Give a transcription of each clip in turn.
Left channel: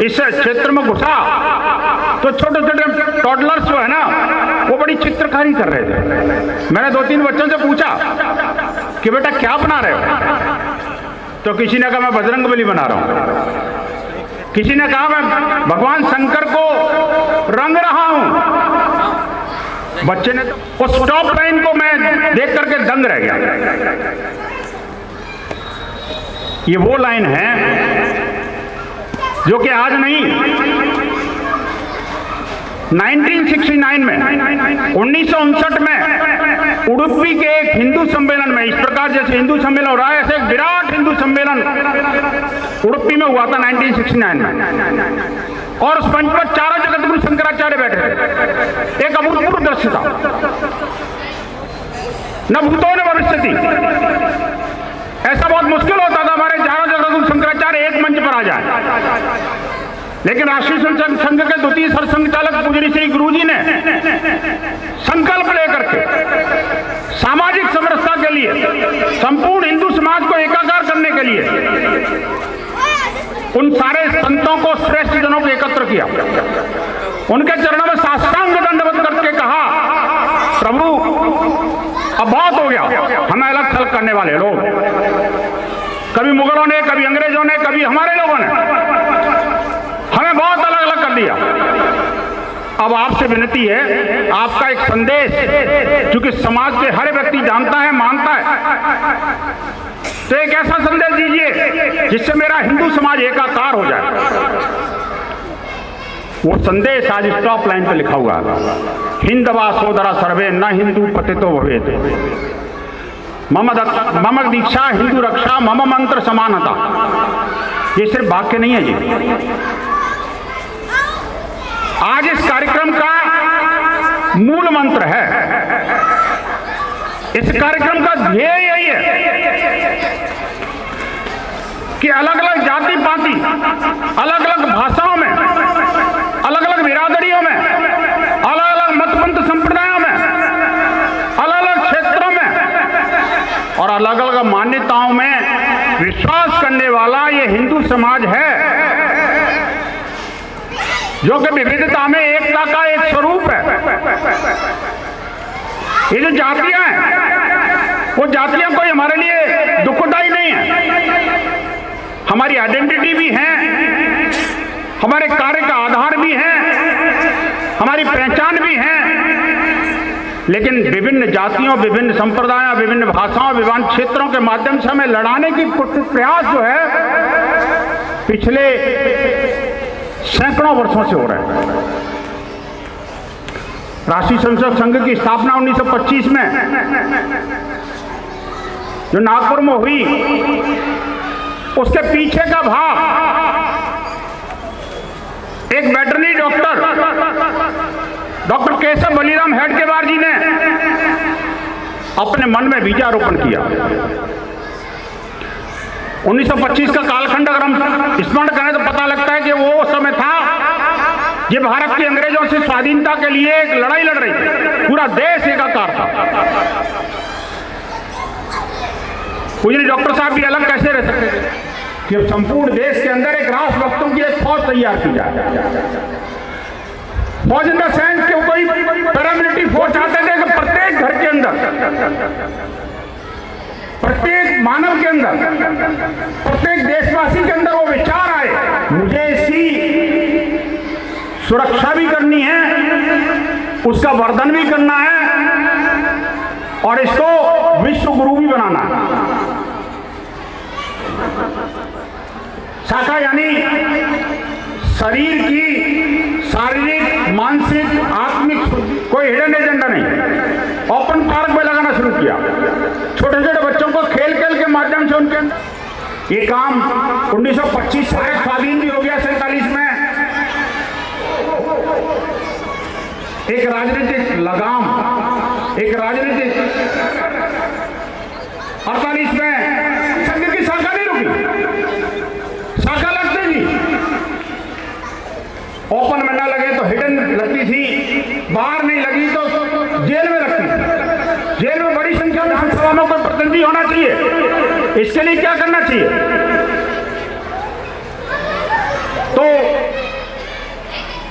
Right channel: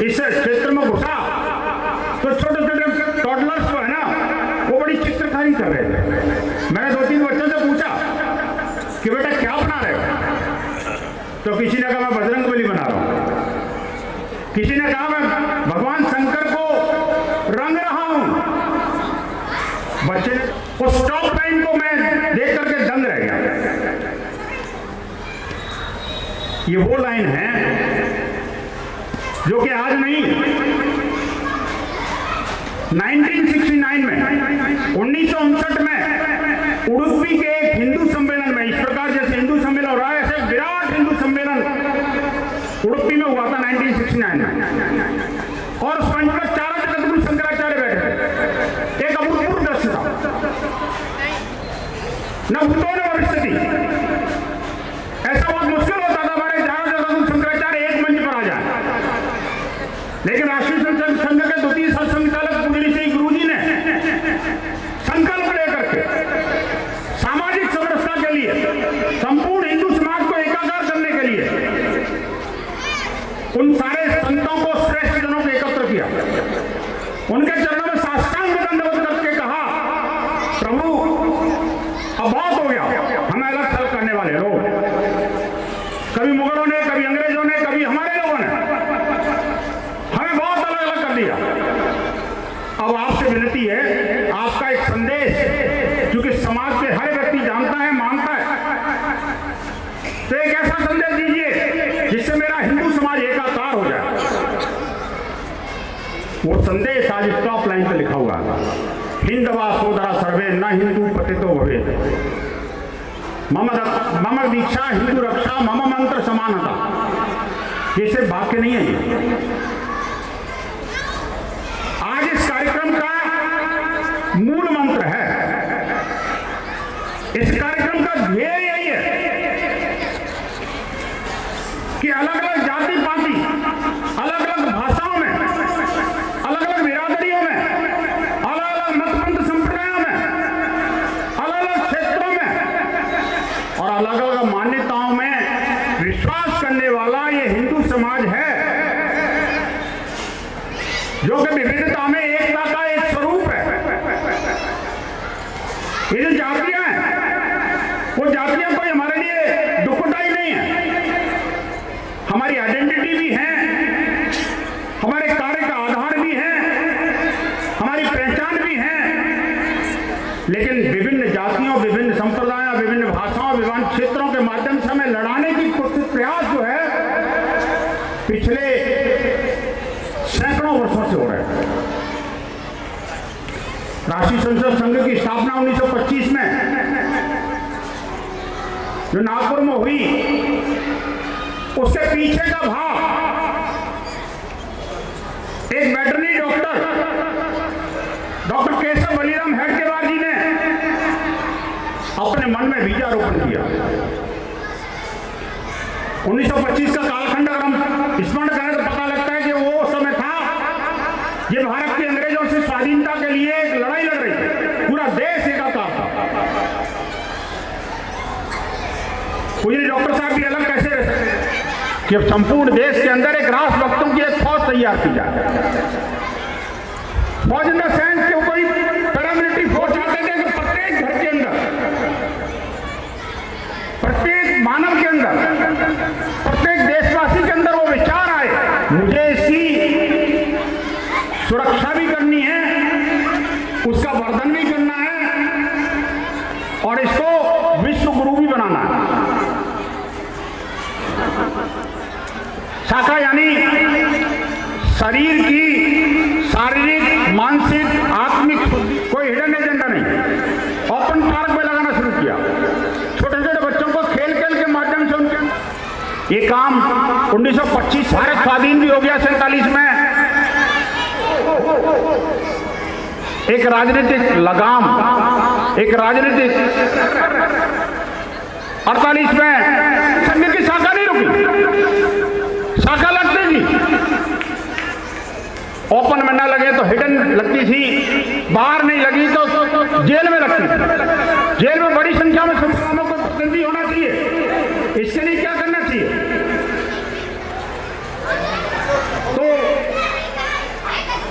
इस क्षेत्र में घुसा तो छोटे छोटे टॉडलर्स जो है ना वो बड़ी चित्रकारी कर रहे थे। मैंने 2-3 बच्चों से पूछा कि बेटा क्या बना रहे हो, तो किसी ने कहा मैं बजरंगबली बना रहा हूं, किसी ने कहा मैं भगवान शंकर को रंग रहा हूं। बच्चे ने तो उस स्टॉप लाइन को मैं देख करके दंग रह गया। ये वो लाइन है जो कि आज नहीं, 1969 में 1959 में उडुपी के एक हिंदू सम्मेलन में, इस प्रकार जैसे हिंदू सम्मेलन हो रहा है ऐसे एक विराट हिंदू सम्मेलन उडुपी में हुआ था 1969 में। और उस मंच पर चारों जगत गुरु शंकराचार्य बैठे थे। एक अभूतपूर्व दृश्य था, न भूतों ने भविष्य थी। ऐसा बहुत मुश्किल होता था हमारे चारों जगत गुरु शंकराचार्य एक मंच पर आ जाए, लेकिन राष्ट्रीय संघ के द्वितीय सरसंघचालक पूजनी श्री गुरु जी ने संकल्प लेकर के सामाजिक समरसता के लिए, संपूर्ण हिंदू समाज को एकाकार करने के लिए उन सारे संतों को, श्रेष्ठ जनों को एकत्र किया, उनके चरणों में साष्टांग दंडवत करके कहा प्रभु अब बहुत हो गया, हमें अलग थलग करने वाले लोग, कभी मुगलों ने, कभी अंग्रेजों ने, कभी हमारे लोगों ने हमें बहुत अलग अलग कर दिया। अब आपसे विनती है, आपका एक संदेश क्योंकि समाज के हर व्यक्ति जानता है, मानता है, तो एक ऐसा संदेश दीजिए जिससे मेरा हिंदू समाज एकाकार हो जाए। वो संदेश आज स्टॉप लाइन पे लिखा हुआ है, हिंदवा सोदरा सर्वे न हिंदू पतितो भवेत्, मम दीक्षा हिंदू रक्षा मम मंत्र समानता। ये सिर्फ वाक्य नहीं है जी, आज इस कार्यक्रम का मूल मंत्र है। इस कार्यक्रम का ध्येय यही है कि अलग अलग जाति पाति, अलग अलग भाषाओं में, अलग अलग बिरादरियों में, अलग अलग मतपंथ संप्रदायों में, अलग अलग क्षेत्रों में और अलग अलग मान्यताओं में विश्वास करने वाला ये हिंदू समाज है, जो कि विविधता में एकता का एक स्वरूप है। ये जो जातियां हैं, वो जातियां कोई हमारे लिए दुखदाई नहीं है, हमारी आइडेंटिटी भी है, हमारे कार्य का आधार भी है, हमारी पहचान भी है। लेकिन विभिन्न जातियों, विभिन्न संप्रदायों, विभिन्न भाषाओं, विभिन्न क्षेत्रों के माध्यम से हमें लड़ाने की प्रयास जो है पिछले सैकड़ों वर्षों से हो रहा है। राष्ट्रीय संसद संघ की स्थापना 1925 में जो नागपुर में हुई, उसके पीछे का भाव एक वेटरनरी डॉक्टर केशव बलिराम हेडगेवार जी ने अपने मन में बीजारोपण किया। 1925 का कालखंड अगर हम स्मरण करें तो पता लगता है कि वो समय था ये भारत के अंग्रेजों से स्वाधीनता के लिए एक लड़ाई लड़ रही थी, पूरा देश एकाकार था। पूजनीय डॉक्टर साहब भी अलग कैसे रह सकते थे कि अब संपूर्ण देश के अंदर एक राष्ट्रभक्तों की एक फौज तैयार की जाए। फौज इन द सेंस कि कोई पैरामिलिट्री फोर्स आते थे कि प्रत्येक घर के अंदर, प्रत्येक मानव के अंदर, प्रत्येक देशवासी के अंदर वो विचार आए, मुझे इसकी सुरक्षा भी करनी है, उसका वर्धन भी करना है और इसको विश्व गुरु भी बनाना है। शाखा यानी शरीर की शारीरिक, मानसिक, आत्मिक शुद्धि, कोई हिडन एजेंडा नहीं। ओपन पार्क में लगाना शुरू किया, छोटे छोटे बच्चों को खेल खेल के माध्यम से उनके ये काम 1925 भारत स्वाधीन भी हो गया। 47 में एक राजनीतिक लगाम, एक राजनीतिक 48 में संघ की शाखा नहीं रुकी, शाखा लगती थी, ओपन में ना लगे तो हिडन लगती थी, बाहर नहीं लगी तो जेल में लगती थी। जेल में बड़ी संख्या में संस्थानों को प्रतिनिधि होना चाहिए। इसके लिए क्या करना चाहिए? तो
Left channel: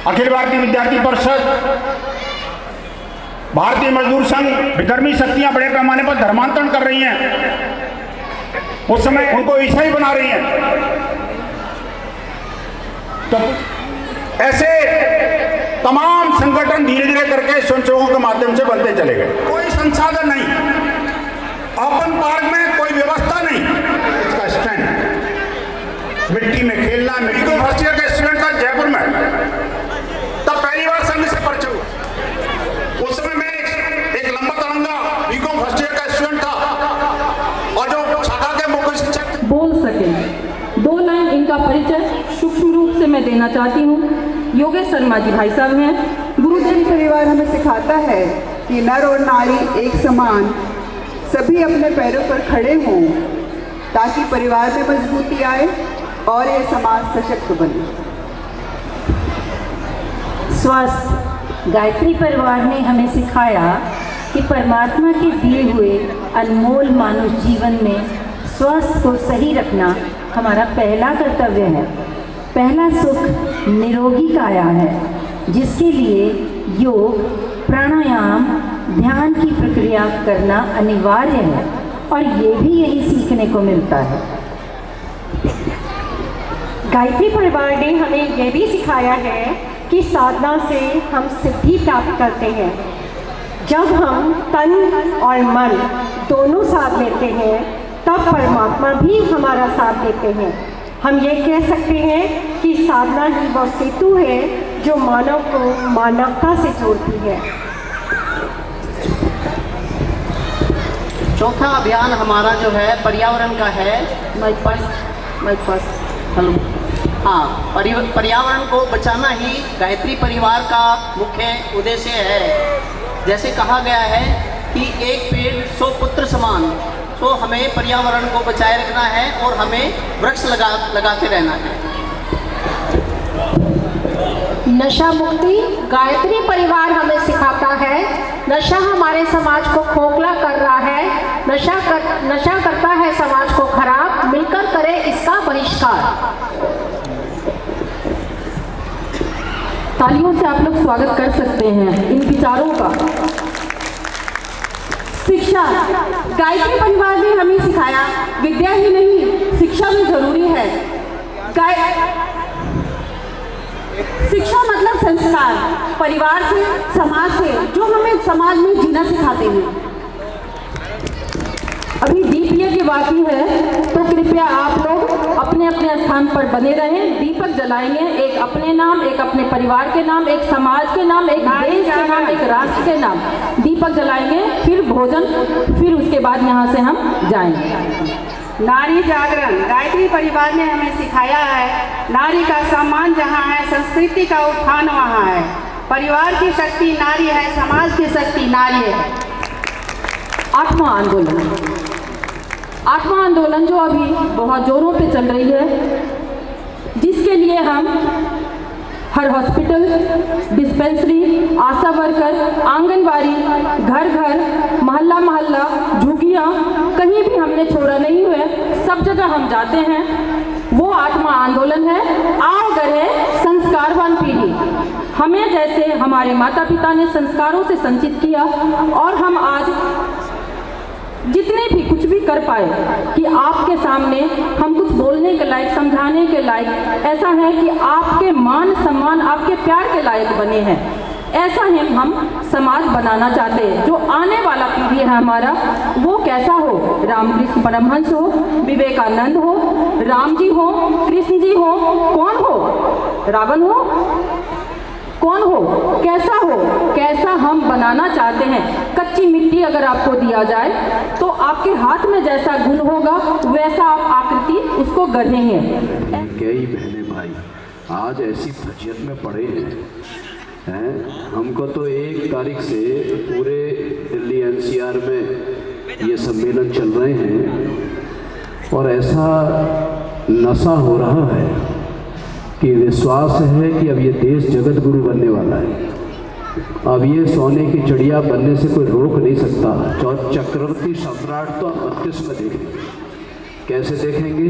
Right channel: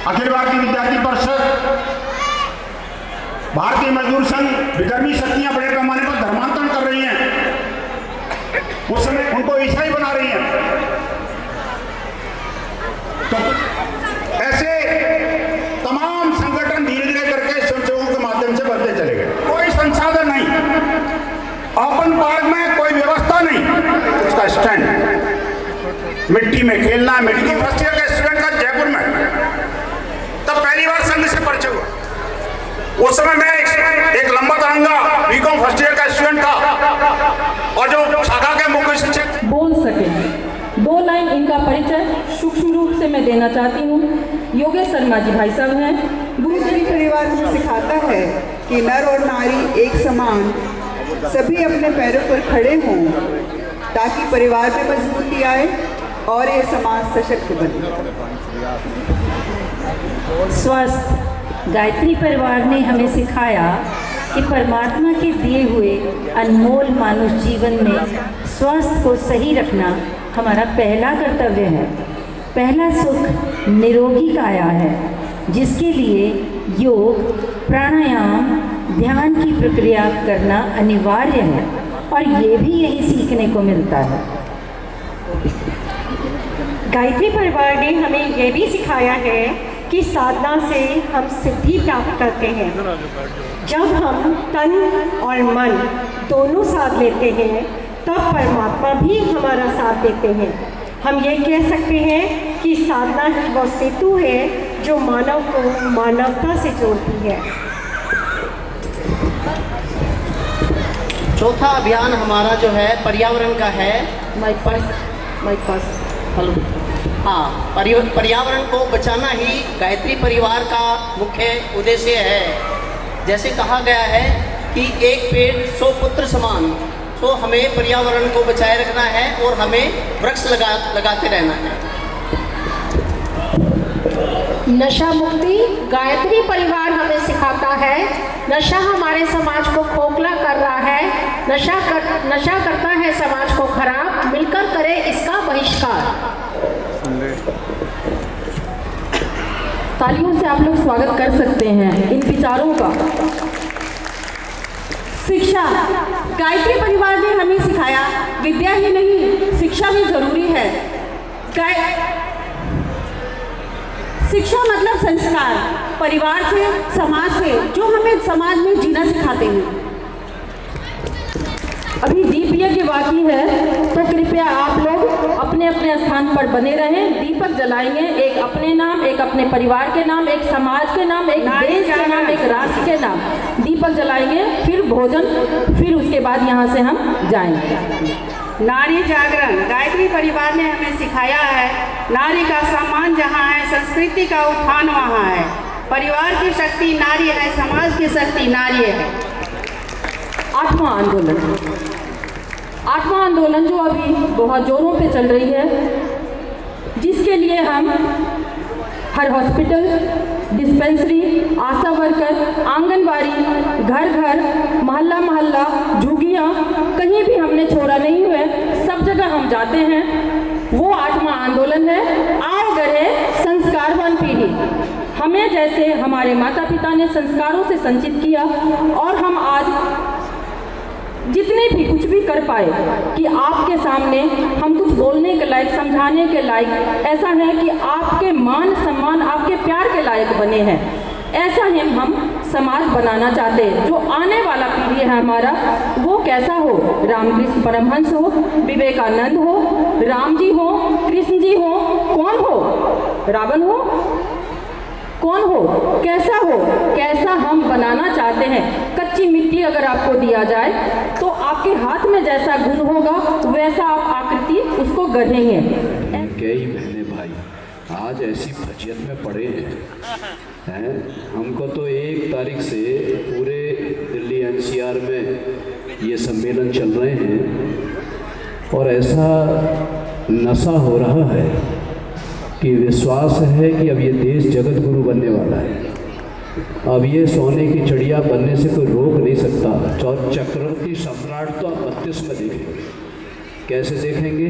अखिल भारतीय विद्यार्थी परिषद, भारतीय मजदूर संघ, विधर्मी शक्तियां बड़े पैमाने पर धर्मांतरण कर रही हैं, उस समय उनको ईसाई बना रही हैं। तो ऐसे तमाम संगठन धीरे धीरे करके संशोधनों के माध्यम से बनते चले गए। कोई संसाधन नहीं, ओपन पार्क में कोई व्यवस्था नहीं, इसका स्टैंड मिट्टी में खेलना। मेडिकल फर्स्ट ईयर के स्टूडेंट था जयपुर में, तब पहली बार संघ से परिचय हुआ। उस समय मैं एक लंबा तरंगा बीकॉम फर्स्ट ईयर का स्टूडेंट था, और जो शाखा के मुख्य शिक्षक बोल सके। 2 लाइन इनका परिचय सूक्ष्म रूप से मैं देना चाहती हूँ। योगेश शर्मा जी भाई साहब हैं। गुरुजी परिवार हमें सिखाता है कि नर और नारी एक समान सभी अपने पैरों पर खड़े हों, ताकि परिवार में मजबूती आए और ये समाज सशक्त बने। स्वस्थ गायत्री परिवार ने हमें सिखाया कि परमात्मा के दिए हुए अनमोल मानुष जीवन में स्वास्थ्य को सही रखना हमारा पहला कर्तव्य है। पहला सुख निरोगी काया है, जिसके लिए योग, प्राणायाम, ध्यान की प्रक्रिया करना अनिवार्य है, और ये भी यही सीखने को मिलता है। गायत्री परिवार ने हमें ये भी सिखाया है कि साधना से हम सिद्धि प्राप्त करते हैं। जब हम तन और मन दोनों साथ लेते हैं, तब परमात्मा भी हमारा साथ देते हैं। हम ये कह सकते हैं कि साधना ही वह सेतु है जो मानव को मानवता से जोड़ती है। चौथा अभियान हमारा जो है पर्यावरण का है। हाँ, पर्यावरण को बचाना ही गायत्री परिवार का मुख्य उद्देश्य है। जैसे कहा गया है कि एक पेड़ 100 पुत्र समान, तो हमें पर्यावरण को बचाए रखना है और हमें वृक्ष लगाते रहना है। नशा मुक्ति गायत्री परिवार हमें सिखाता है। नशा हमारे समाज को खोखला कर रहा है। नशा करता है समाज को खराब। मिलकर करे इसका बहिष्कार। तालियों से आप लोग स्वागत कर सकते हैं इन विचारों का। शिक्षा गायत्री परिवार ने हमें सिखाया, विद्या ही नहीं शिक्षा भी जरूरी है। शिक्षा मतलब संस्कार, परिवार से, समाज से, जो हमें समाज में जीना सिखाते हैं। अभी दीप यज्ञ बाकी है, तो कृपया आप लोग अपने अपने स्थान पर बने रहें। दीपक जलाएंगे, एक अपने नाम, एक अपने परिवार के नाम, एक समाज के नाम, एक देश के नाम, एक राष्ट्र के नाम दीपक जलाएंगे, फिर भोजन, फिर उसके बाद यहाँ से हम जाएंगे। नारी जागरण गायत्री परिवार ने हमें सिखाया है, नारी का सम्मान जहाँ है, संस्कृति का उत्थान वहाँ है। परिवार की शक्ति नारी है, समाज की शक्ति नारी है। आठवां आंदोलन जो अभी बहुत जोरों पे चल रही है, जिसके लिए हम हर हॉस्पिटल, डिस्पेंसरी, आशा वर्कर, आंगनबाड़ी, घर घर, मोहल्ला मोहल्ला, झुग्गियाँ, कहीं भी हमने छोड़ा नहीं है, सब जगह हम जाते हैं। वो 8वां आंदोलन है, आओ गढ़े संस्कारवान पीढ़ी। हमें जैसे हमारे माता पिता ने संस्कारों से संचित किया, और हम आज जितने भी कुछ भी कर पाए कि आपके सामने हम कुछ बोलने के लायक, समझाने के लायक, ऐसा है कि आपके मान सम्मान, आपके प्यार के लायक बने हैं। ऐसा ही हम समाज बनाना चाहते हैं। जो आने वाला पीढ़ी है हमारा, वो कैसा हो? रामकृष्ण परमहंस हो, विवेकानंद हो, राम जी हो, कृष्ण जी हो, कौन हो? रावण हो? कौन हो? कैसा हो? कैसा हम बनाना चाहते हैं। कच्ची मिट्टी अगर आपको दिया जाए, तो आपके हाथ में जैसा गुण होगा, वैसा आप आकृति उसको गढ़ेंगे। कई बहने भाई आज ऐसी फजियत में पड़े हैं। हमको तो 1 तारीख से पूरे दिल्ली NCR में ये सम्मेलन चल रहे हैं, और ऐसा नशा हो रहा है कि विश्वास है कि अब ये देश जगत गुरु बनने वाला है। अब ये सोने की चिड़िया बनने से कोई रोक नहीं सकता। चक्रवर्ती सम्राट तो 32 में देखेंगे। कैसे देखेंगे?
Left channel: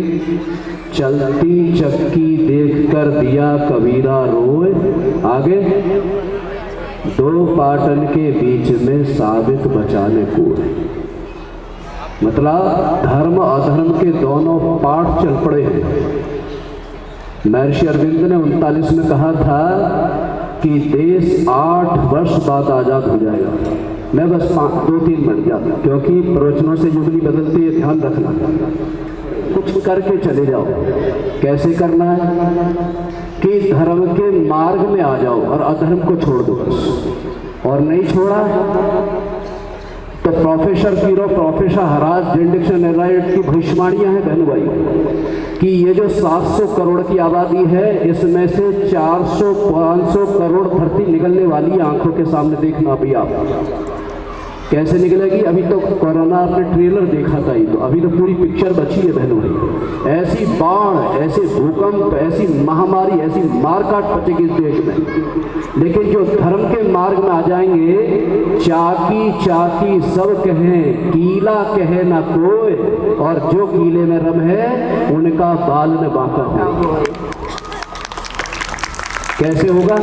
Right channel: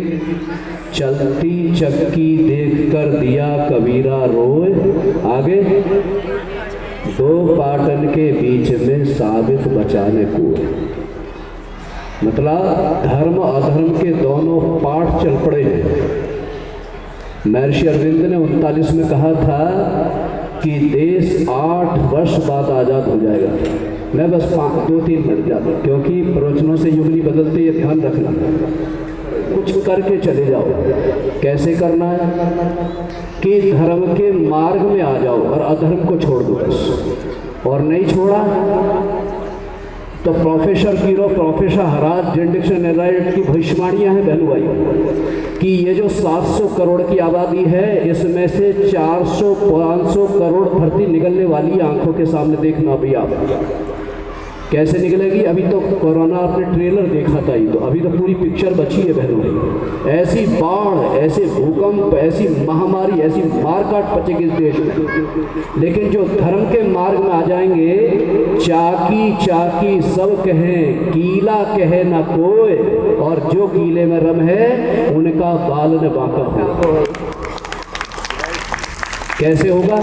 चलती चक्की देखकर दिया कबीरा रोए, आगे 2 पाटन के बीच में साबित बचाने को, मतलब धर्म अधर्म के दोनों पाठ चल पड़े हैं। महर्षि अरविंद ने 39 में कहा था कि देश 8 वर्ष बाद आज़ाद हो जाएगा। मैं बस 2-3 मिनट जाता, क्योंकि प्रवचनों से युग नहीं बदलते, ये ध्यान रखना। कुछ करके चले जाओ। कैसे करना है कि धर्म के मार्ग में आ जाओ और अधर्म को छोड़ दो। और नहीं छोड़ा तो प्रोफेसर कीरो, प्रोफेसर हराज, जिंडिक्शन एलाइट की भविष्यवाणियां हैं बहन भाई कि ये जो 700 करोड़ की आबादी है, इसमें से 400-500 करोड़ धरती निकलने वाली आंखों के सामने देखना भी आप। कैसे निकलेगी? अभी तो कोरोना आपने ट्रेलर देखा था, ही तो अभी तो पूरी पिक्चर बची है बहनों। ऐसी बाढ़, ऐसे भूकंप, ऐसी महामारी, ऐसी मारकाट पचेगी इस देश में। लेकिन जो धर्म के मार्ग में आ जाएंगे, चाकी चाकी सब कहें, कीला कहे ना कोई, और जो कीले में रम है उनका बाल न बांका हो। कैसे होगा?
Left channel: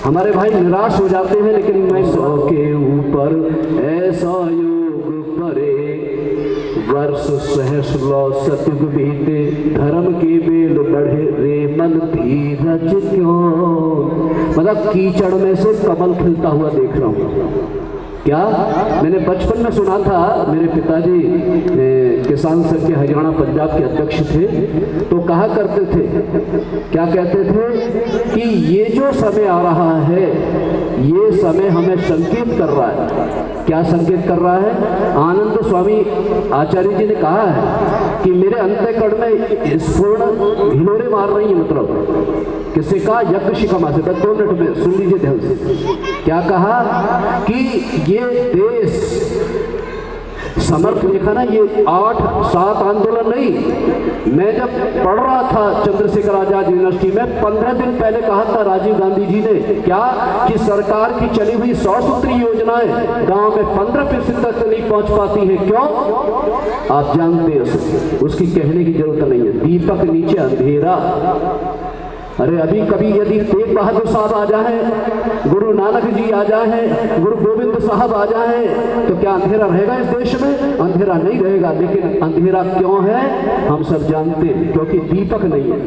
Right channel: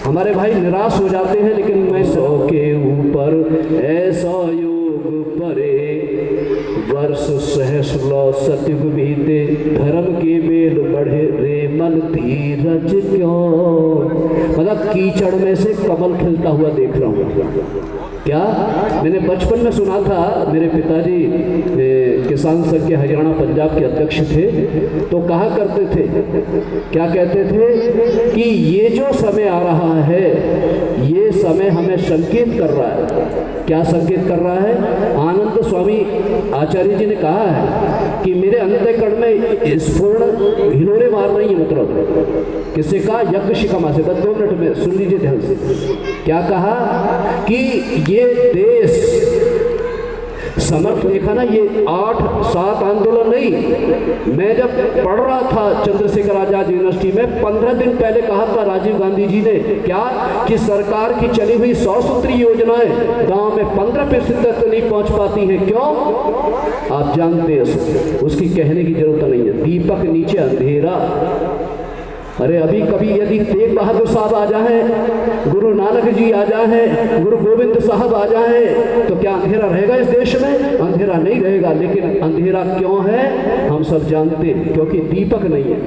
हमारे भाई निराश हो जाते हैं, लेकिन मैं 100 के ऊपर ऐसा योग परे, वर्ष सहस्र सतयुग बीते, धर्म के बेल बढ़े रे मन धीरज क्यों। मतलब कीचड़ में से कमल खिलता हुआ देख रहा हूँ। क्या मैंने बचपन में सुना था, मेरे पिताजी किसान संघ के हरियाणा पंजाब के अध्यक्ष थे, तो कहा करते थे, क्या कहते थे कि ये जो समय आ रहा है, ये समय हमें संकेत कर रहा है। क्या संकेत कर रहा है? आनंद स्वामी आचार्य जी ने कहा है कि मेरे अंतःकरण में स्फुरण हिलोरे मार रही है। मतलब किसी का यज्ञ शिखा से 2 मिनट में सुन लीजिए ध्यान से। क्या कहा कि ये देश समर्थ, देखा ना, ये 8-7 आंदोलन नहीं। मैं जब पढ़ रहा था चंद्रशेखर आजाद यूनिवर्सिटी में, 15 दिन पहले कहा था राजीव गांधी जी ने, क्या कि सरकार की चली हुई 100 सूत्री योजनाएं गांव में 15% तक नहीं पहुंच पाती हैं। क्यों? आप जानते हैं, उसकी कहने की जरूरत नहीं है। दीपक नीचे अंधेरा। अरे अभी कभी यदि तेग बहादुर साहब आ जाए, गुरु नानक जी आ जाए, गुरु गोविंद साहब आ जाए, तो क्या अंधेरा रहेगा इस देश में? अंधेरा नहीं रहेगा। लेकिन अंधेरा क्यों है हम सब जानते हैं, क्योंकि दीपक नहीं है,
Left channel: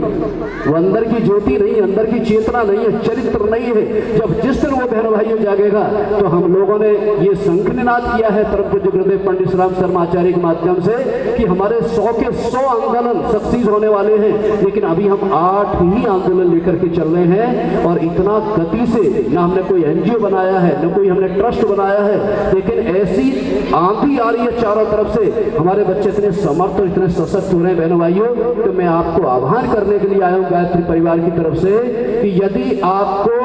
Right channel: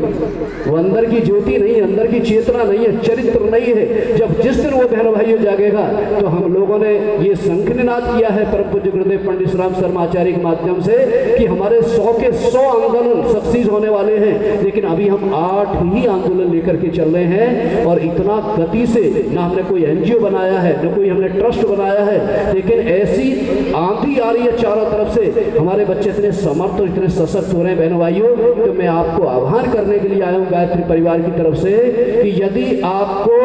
वो अंदर की ज्योति नहीं है, अंदर की चेतना नहीं है, चरित्र नहीं है। जब जिस दिन वो बहन भाइयों जागेगा, तो हम लोगों ने ये शंखनाद किया है परम पूज्य गुरुदेव पंडित राम शर्मा आचार्य के माध्यम से कि हमारे 100 के 100 आंदोलन सक्सीड होने वाले हैं। लेकिन अभी हम 8 ही आंदोलन लेकर के चल रहे हैं, और इतना गति से, ना हमने कोई एनजीओ बनाया है, ना कोई हमने ट्रस्ट बनाया है, लेकिन ऐसी आंधी आ रही है चारों तरफ से। हमारे बच्चे इतने समर्थ और इतने सशक्त हो रहे हैं बहन भाइयों। तो मैं आपको आह्वान करने के लिए आया हूं गायत्री परिवार की तरफ से कि यदि आपको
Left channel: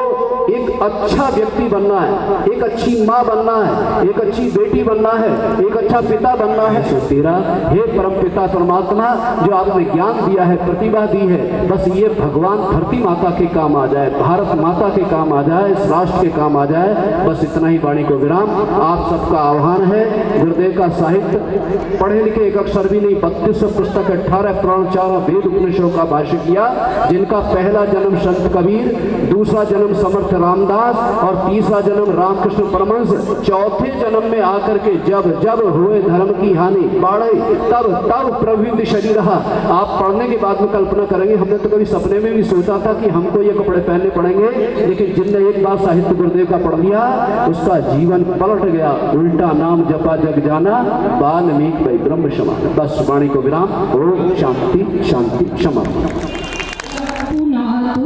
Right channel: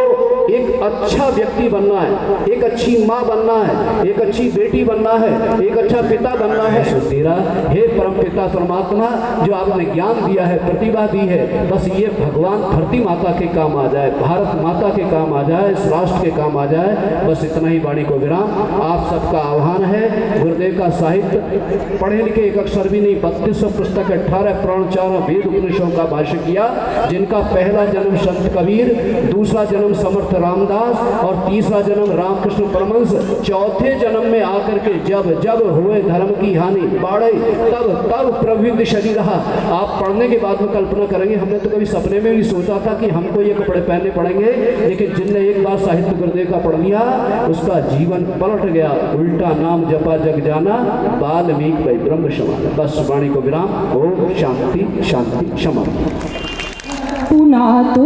एक अच्छा व्यक्ति बनना है, एक अच्छी माँ बनना है, एक अच्छी बेटी बनना है, एक अच्छा पिता बनना है, तो तेरा हे परम पिता परमात्मा जो आपने ज्ञान दिया है, प्रतिभा दी है, बस ये भगवान धरती माता के काम आ जाए, भारत माता के काम आ जाए, इस राष्ट्र के काम आ जाए। बस इतना ही वाणी को विराम। आप सबका आह्वान है, गुरुदेव का साहित्य पढ़े लिखे एक अक्षर भी नहीं, 3200 पुस्तक, 18 पुराण, 4 वेद उपनिषदों का भाष्य किया, जिनका पहला जन्म संत कबीर, दूसरा जन्म समर्थ रामदास और तीसरा जन्म रामकृष्ण परमहंस, चौथे जन्म में आकर के जब जब हुए धर्म की हानि बाढ़े, तब तब प्रभु शरीर रहा। आप पढ़ने के बाद में कल्पना करेंगे, हमने तो कभी सपने में भी सोचा था कि हमको ये कपड़े पहनने पड़ेंगे, लेकिन जिनने एक बार साहित्य गुरुदेव का पढ़ लिया, उसका जीवन पलट गया। उल्टा नाम जपा जग जाना, वाल्मीकि भाई ब्रह्म क्षमा। बस वाणी को विराम। ओम शांति शांति क्षमा। पुनः तो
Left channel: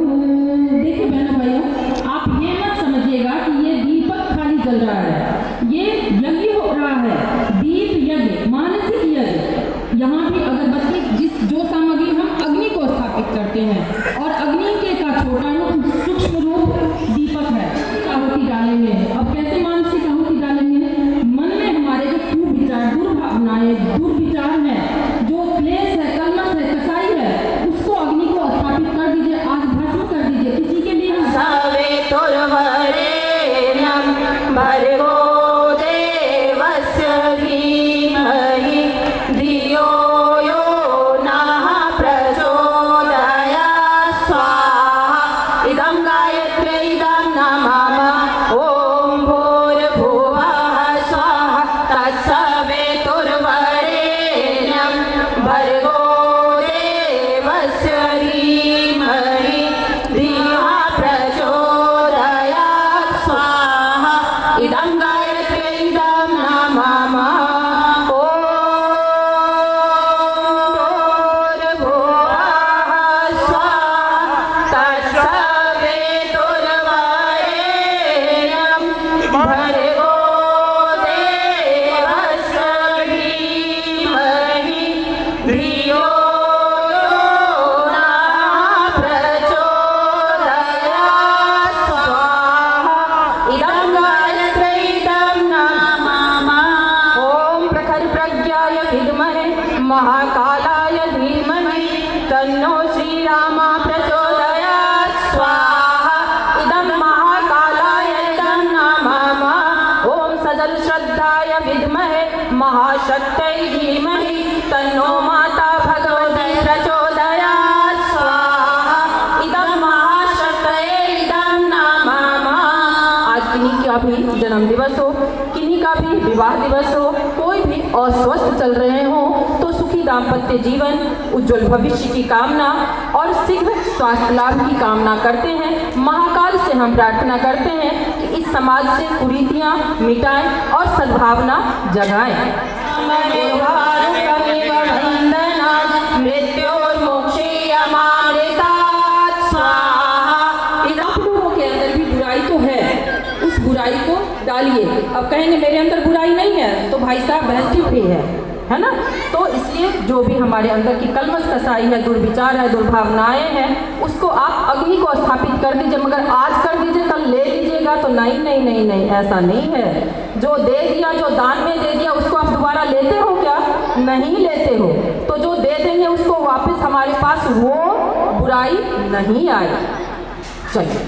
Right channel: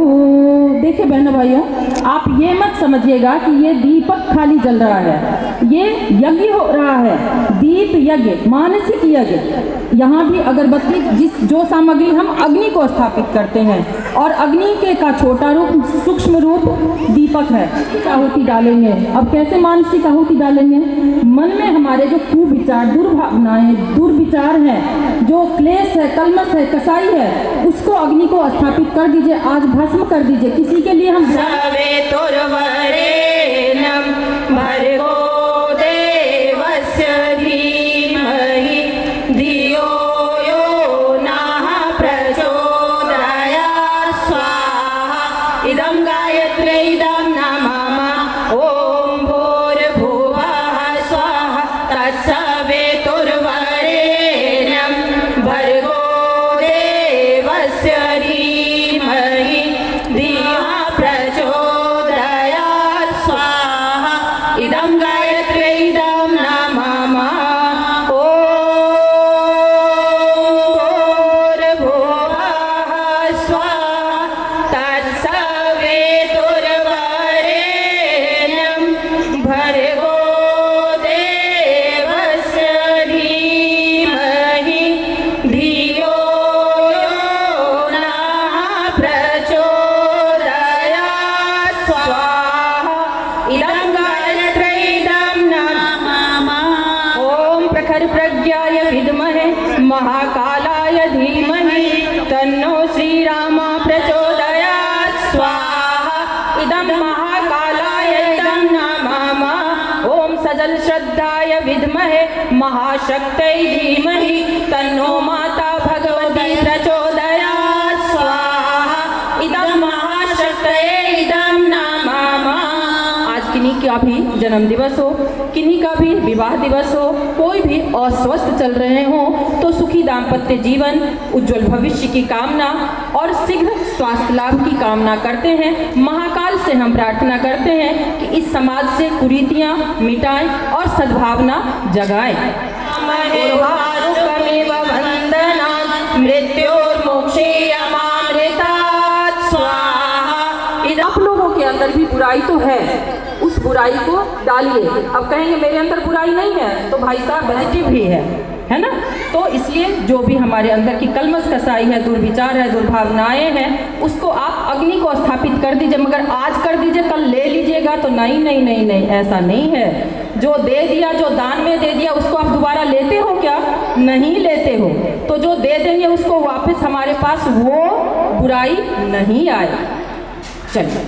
देखिए बहनों भैया, आप ये मत समझिएगा कि ये दीपक खाली जल रहा है, ये यज्ञ हो रहा है, दीप यज्ञ, मानसिक यज्ञ। यहाँ भी अगरबत्ती, जो सामग्री हम अग्नि को स्थापित करते हैं, और अग्नि के का छोटा रूप, सूक्ष्म रूप दीपक है। आहुति डालेंगे। अब कैसे मानसिक आहुति डालेंगे? मन में हमारे जो कुविचार, दुर्भावनाएं, दुर्विचार हैं, जो क्लेश है, कलमश है, कसाई है, उसको अग्नि को स्थापित कर दीजिए, आज भस्म कर दीजिए। किसी के लिए हम इदं गायत्री महाशक्तै धीमहि तन्नो माता भगवती प्रचोदयात् स्वाहा इदं महाशक्तये इदं नमः। आज किन्हीं का भी जन्म दिवस हो, किन्हीं का भी विवाह दिवस हो, कोई भी अस्वस्थ चल रहे हो तो सुखी दाम्पत्य जीवन, उज्जवल भविष्य की कामना और शीघ्र स्वास्थ्य लाभ की कामना करते हैं। महाकाल से हम प्रार्थना करते हैं कि इस समाज से कुरीतियाँ मिटाएं और सद्भावना जगाएं। आप लोगों के अंदर भी बुराई तो है, उस बुराई को डालिए। अब कहेंगे मेरे अंदर बुराई नहीं है, तो भाई साहब बैठे भी है ना। तो इसलिए जो भी हमारे अंदर की कलमश कसाई है, दुर्विचार है, दुर्भावनाएं हैं, उसको आप अग्नि को स्थापित कर दीजिए। मगर आज कर दीजिए कल ले लीजिएगा तो नहीं नहीं नहीं नहीं, ऐसा नहीं है। जो दे दिया, जो दान में दे दिया, उसको आप दोबारा लेते हो क्या? नहीं लेते हो। तो जो दे देंगे उसको वापस हमारे पास वो बुराई नहीं आए। चलिए,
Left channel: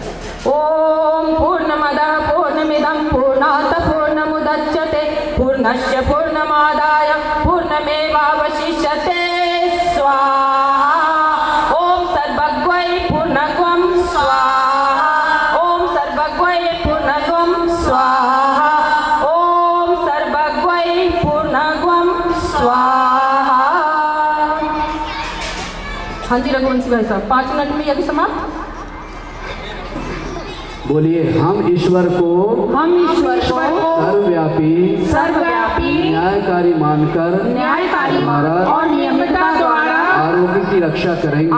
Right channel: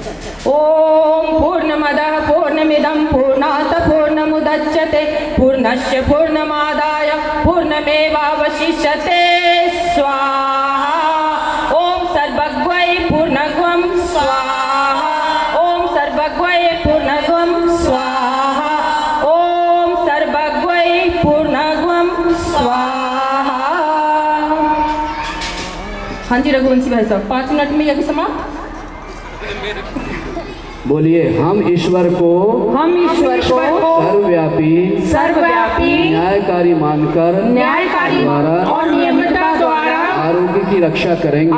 ओम पूर्णमदः पूर्णमिदं पूर्णात् पूर्णमुदच्यते पूर्णस्य पूर्णमादाय पूर्णमेवावशिष्यते स्वाहा। ओम सर्वज्ञै पूर्णत्वं स्वाहा। ओम सर्वज्ञै पूर्णत्वं स्वाहा। ओम सर्वज्ञै पूर्णत्वं स्वाहा। हाँ जी रघुवंशी भाई साहब, 5 मिनट में यज्ञ समाप्त। बोलिए, हम ईश्वर को सर्वव्यापी न्यायकारी मानकर द्वारा और नियमता द्वारा आरोग्य की रक्षा करेंगे।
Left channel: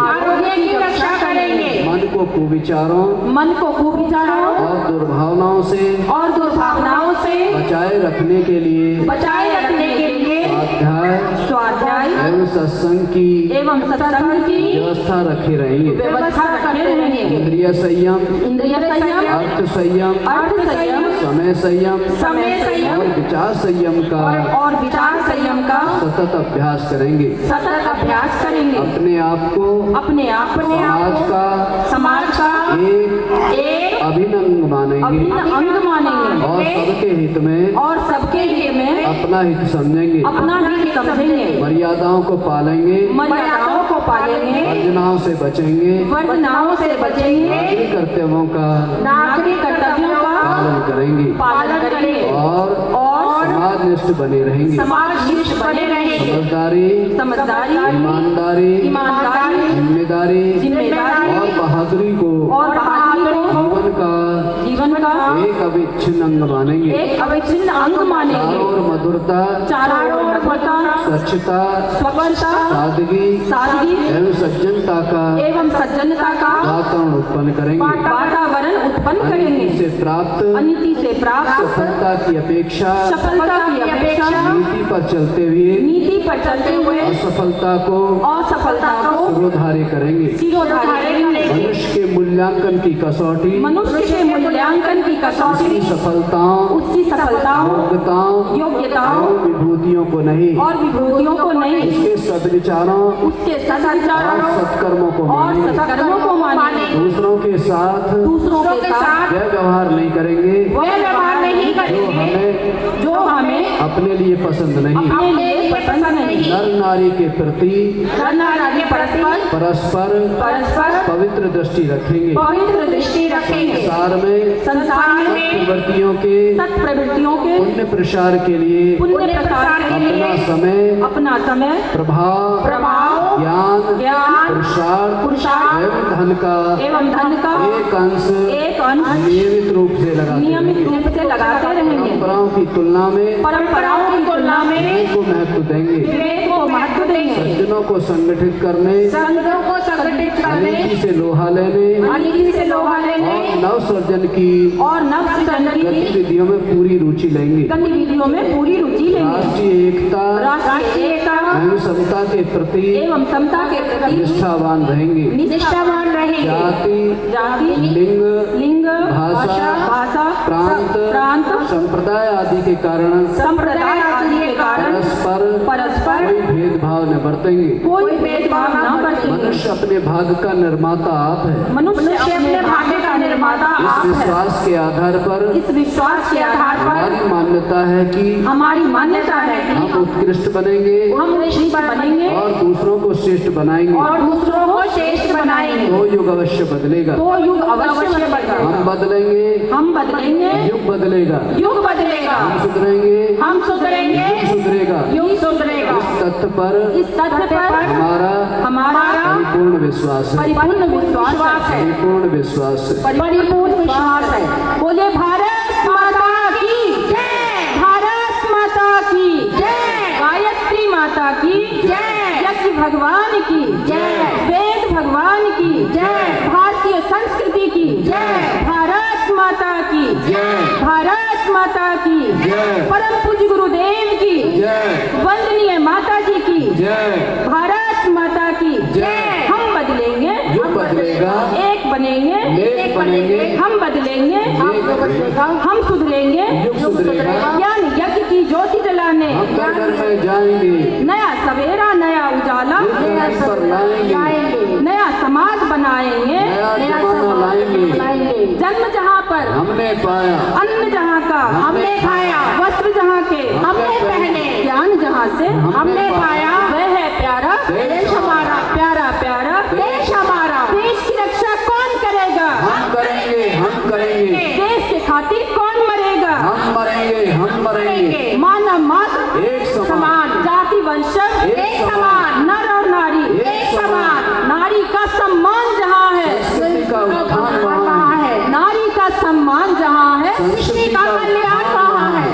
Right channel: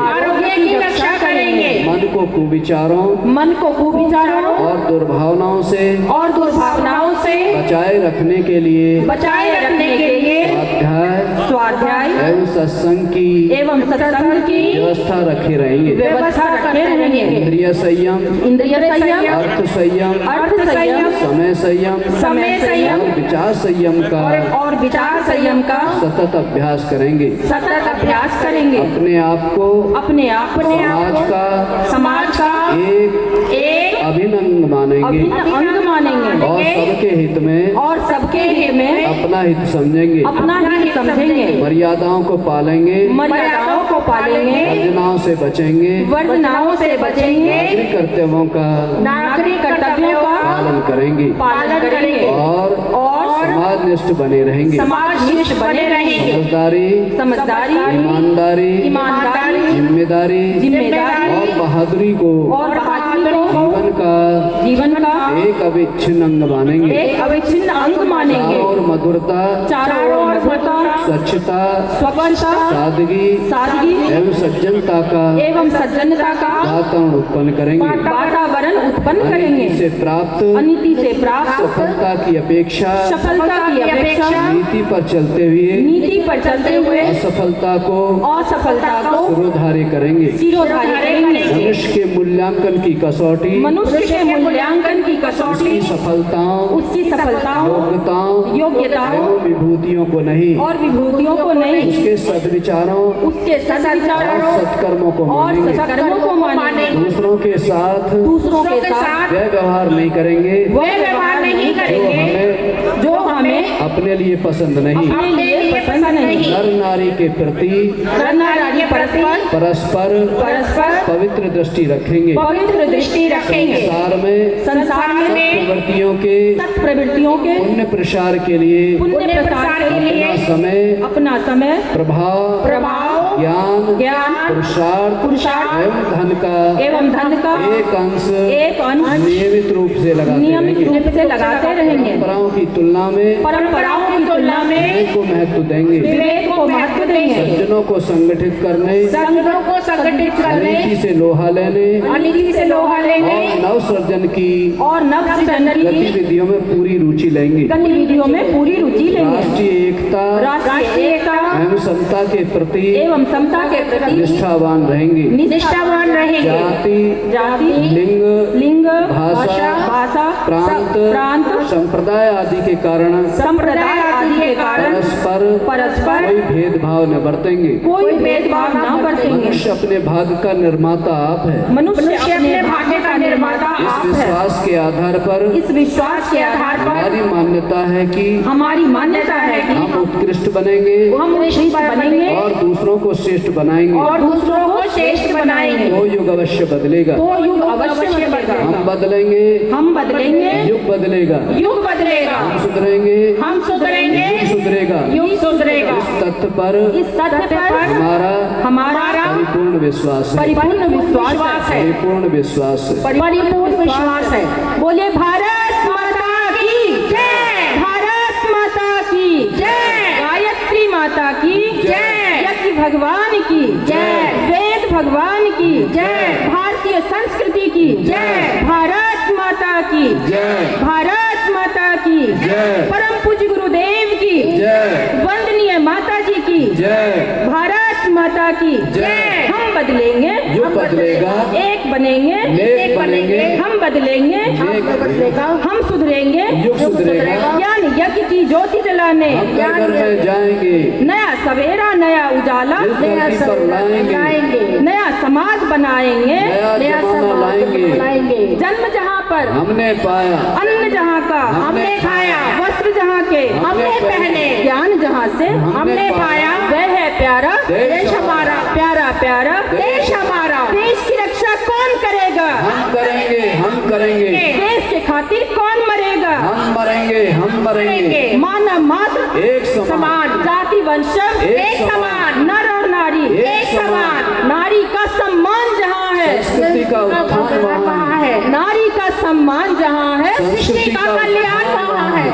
मन को कुविचारों और दुर्भावनाओं से बचाए रखने के लिए स्वाध्याय एवं सत्संग की व्यवस्था रखे रहेंगे। इंद्रिय संयम, अर्थ संयम, समय संयम और विचार संयम का सतत अभ्यास करेंगे। अपने आप को समाज का एक अभिन्न अंग मानेंगे और सबके हित में अपना हित समझेंगे। मर्यादाओं को पालेंगे, वर्जनाओं से बचेंगे, नागरिक कर्तव्यों का पालन करेंगे और समाजनिष्ठ बने रहेंगे। समझदारी, ईमानदारी, जिम्मेदारी और बहादुरी को जीवन का एक अविच्छिन्न अंग मानेंगे। और मधुरता, स्वच्छता, सादगी एवं सज्जनता का वातावरण उत्पन्न करेंगे। अनिति से प्राप्त सफलता की अपेक्षा नीति पर चलते हुए असफलता को सिरोधार्य करेंगे। मनुष्य के मूल्यांकन की कसौटी उसकी सफलताओं, योग्यताओं एवं विभूतियों को नहीं उसके सद्विचारों और सत्कर्मों को मानेंगे। दूसरों के साथ व्यवहार नहीं करेंगे जो हमें अपने लिए पसंद नहीं। नर नारी के प्रति परस्पर पवित्र दृष्टि रखेंगे। संसार में सत्प्रवृत्तियों के पुण्य प्रसार के लिए अपना समय प्रभाव ज्ञान पुरुषार्थ एवं धन का एक अंश नियमित रूप से लगाते रहेंगे। परंपराओं की तुलना में विवेक को महत्व देंगे। सज्जनों को संगठित करने, अनिति से लोहा लेने और नव सृजन की गतिविधियों में पूरी रुचि लेंगे। राष्ट्रीय एकता एवं समता के प्रति निष्ठावान रहेंगे। जाति, लिंग, भाषा, प्रांत, संप्रदाय आदि के कारण परस्पर कोई भेदभाव न बरतेंगे। मनुष्य अपने भाग्य का निर्माता आप है। मनुष्य अपने भाग्य का निर्माता इस आप है। विश्वास के आधार पर इस विश्वास के आधार पर हमारी मान्यता है कि हमारी मान्यता है कि हम उत्कृष्ट बनेंगे हम श्रेष्ठ बनेंगे और दूसरों को श्रेष्ठ बनाएंगे। और दूसरों को श्रेष्ठ बनाएंगे। वो युग अवश्य बदलेगा। तो युग अवश्य बदलेगा। हम बदलेंगे, हम बदलेंगे, युग बदलेगा। युग बदलेगा। हम सुधरेंगे, हम सुधरेंगे, युग सुधरेगा। युग सुधरेगा। इस तथ्य पर हमारा परिपूर्ण विश्वास है। परिपूर्ण विश्वास है। परिपूर्ण विश्वास है। परिपूर्ण विश्वास है। बोले भारत माता की जय। भारत माता की जय। गायत्री माता की जय। यज्ञ भगवान की जय। वेद भगवान की जय। भारतीय संस्कृति की जय। भारत माता की जय। भारत माता की जय। परम पूज्य गुरुदेव की जय। वंदनीय माता जी की जय। भारत माता की जय। हम बदलेंगे, युग बदलेगा। एक बनेंगे, नेक बनेंगे। हम बदलेंगे, हम सुधरेंगे, युग सुधरेगा। ज्ञान यज्ञ की ज्योति जलाने हम घर में जाएंगे, नया सवेरा, नया उजाला, इस धरती पर लाएंगे। नया समाज बनाएंगे, नया जमाना लाएंगे। जन्म जहाँ पर हमने पाया, अन्न जहाँ का हमने खाया, वस्त्र जहाँ के हमने पहने, ज्ञान जहाँ से हमने पाया, वह है प्यारा देश हमारा। प्यारा प्यारा देश हमारा। देश की रक्षा कौन करेगा? हम करेंगे, हम करेंगे। देश के खातिर कौन मरेगा? हम मरेंगे, हम मरेंगे। मानव मात्र एक समान, जाति वंश एक समान, नर और नारी एक समान। नारी का सम्मान जहाँ है, संस्कृति का उत्थान वहाँ है। नारी का सम्मान जहाँ है, संस्कृति का कल्याण वहाँ है।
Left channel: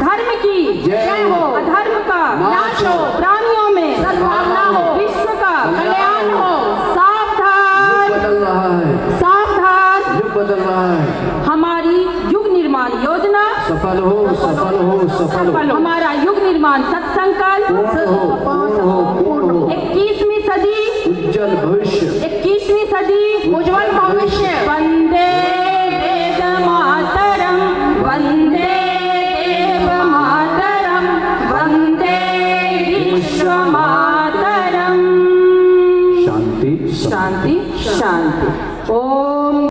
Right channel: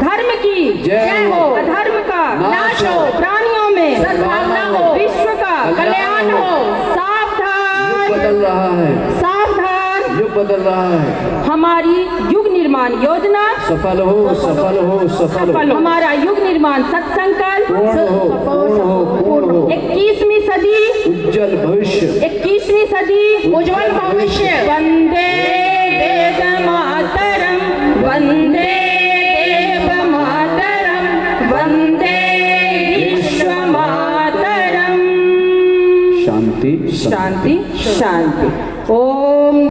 धर्म की जय हो, अधर्म का नाश हो, प्राणियों में सद्भावना हो, विश्व का कल्याण हो। सावधान, युग बदल रहा है, सावधान, युग बदल रहा है। हमारी युग निर्माण योजना सफल हो, सफल हो, सफल हो। हमारा युग निर्माण सत्संकल्प पूर्ण हो, पूर्ण हो, पूर्ण हो। 21वीं सदी उज्जवल भविष्य, 21वीं सदी उज्जवल भविष्य। वंदे वेद मातरम, वंदे देव मातरम, वंदे विश्व मातरम। शांति, शांति शांति।